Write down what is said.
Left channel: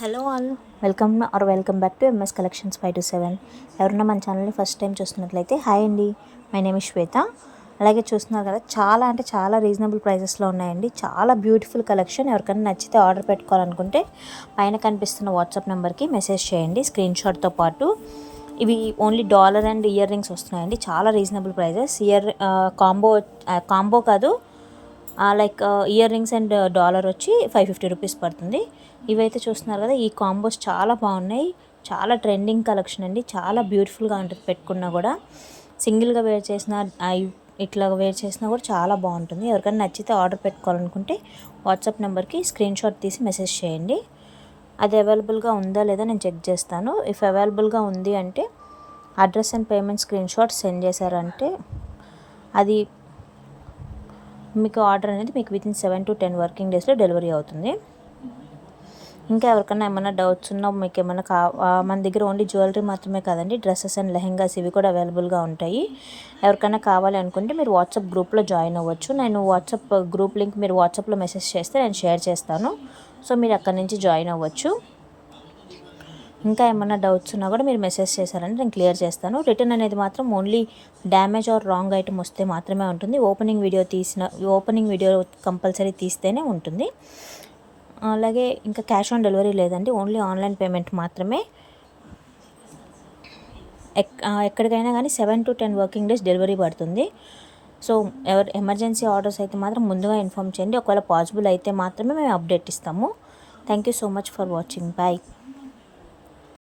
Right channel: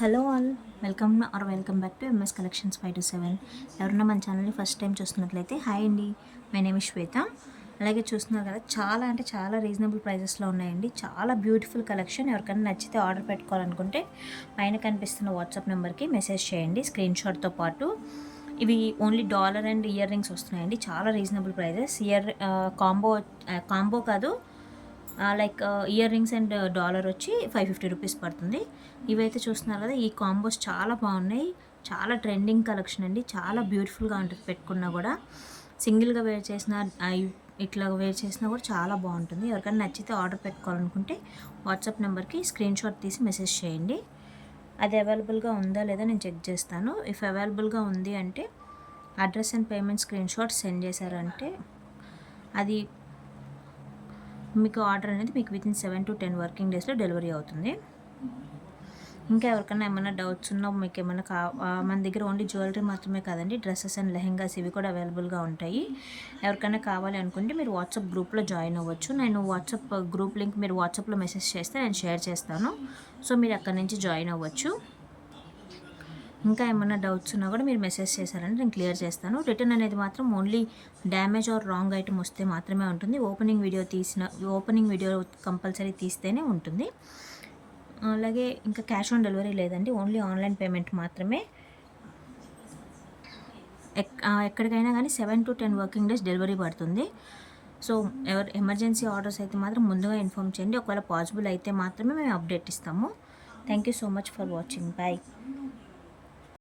Hello all, welcome back to MS collections 527. ఎవరన్నా మన ఛానల్ని ఫస్ట్ టైం చూస్తున్నట్లయితే హాయ్ అండి, మై నేమ్ ఇస్ శ్వేత. అలాగే చూస్తున్నారు కదా, చాలా అంటే చాలా రీజనబుల్ ప్రైజెస్లో ఉన్నాయండి. చాలా బ్యూటిఫుల్ కలెక్షన్. ఎవరికైనా నచ్చితే ఆర్డర్ పెట్టుకోవాలనుకుంటే పైన కనిపిస్తున్న వాట్సాప్ నెంబర్కి మెసేజ్ చేయండి స్క్రీన్ షాట్తో పాటు. ఇవి only dollar and ear rings వస్తున్నాయండి. చాలా రీజనబుల్ ప్రైజెస్. కాంబో కాదు, like ear rings and dollar వచ్చి 550 రూపీస్ పడుతుంది. ఇవైతే చూస్తున్నారు కదా, ఈ కాంబోస్ చాలా బాగున్నాయి. చాలా ట్రెండింగ్ కలెక్షన్ అండి. చాలా బ్యూటిఫుల్గా ఉంటుంది. పెట్టుకున్నా కూడా సింగిల్గా వేర్ చేసిన, ఇట్లా వేర్ చేసినా కూడా చాలా బాగుంటుంది. ఎవరికైనా నచ్చితే ఆర్డర్ పెట్టుకోవాలనుకుంటే వాట్సాప్ నెంబర్కి స్క్రీన్ షాట్ తీసి మెసేజ్ చేయండి. అది అవైలబుల్గా ఉందా లేదా నేను చెక్ చేస్తాను. ఇఫ్ అవైలబుల్గా ఉంది అంటే address and payment screen shot send చేశారంటే అది మీకు ఆర్డర్ అనేది మీకు వితిన్ 7 to 10 వర్కింగ్ డేస్లో డెలివరీ అవుతుంది. ఇంకా ఎవరికైనా ఏమైనా డౌట్స్ ఉన్నా, మీకు ఏమైనా మన దగ్గర ఓన్లీ జ్యువెలరీ మాత్రమే కాదండి, డ్రెస్సెస్ అండ్ లెహెంగాస్ ఇవి కూడా అవైలబుల్గా ఉంటాయి. ఎవరికైనా కావాలి అనుకుంటే మీరు వాట్సాప్ గ్రూప్లో జాయిన్ అవ్వచ్చు. నేను వాట్సాప్ గ్రూప్ లింక్ మీరు వాట్సాప్లో మెసేజ్ చేస్తే నేను షేర్ చేస్తాను. సో మీరు అక్కడి నుంచి జాయిన్ అవ్వచ్చు. ఇంకా ఏమైనా డౌట్స్ ఉన్నా కూడా మీరు మెసేజ్ చేశారంటే నేను క్లియర్ చేస్తాను. రిటర్న్ అనేది మాత్రం only damage are wrong item వస్తే మాత్రమే ఉంటుంది. ఓపెనింగ్ వీడియో కంపల్సరీ తీస్తేనే ఉంటుంది. అలాగే ఇంకా క్యాష్ ఆన్ డెలివరీ లేదండి, ఓన్లీ ఆన్లైన్ పేమెంట్ మాత్రమే. ఎక్కడికైనా కానీ 7 to 10 వర్కింగ్ డేస్ డెలివరీ పడుతుంది. సో ఎమర్జెన్సీ ఆర్డర్స్ అయితే మాత్రం ముందుగా ఇన్ఫామ్ చేయండి. ఒకవేళ పాసిబుల్ అయితే మాత్రమే మేము అప్డేట్ ఇస్తాము. Thank you so much for watching. Bye.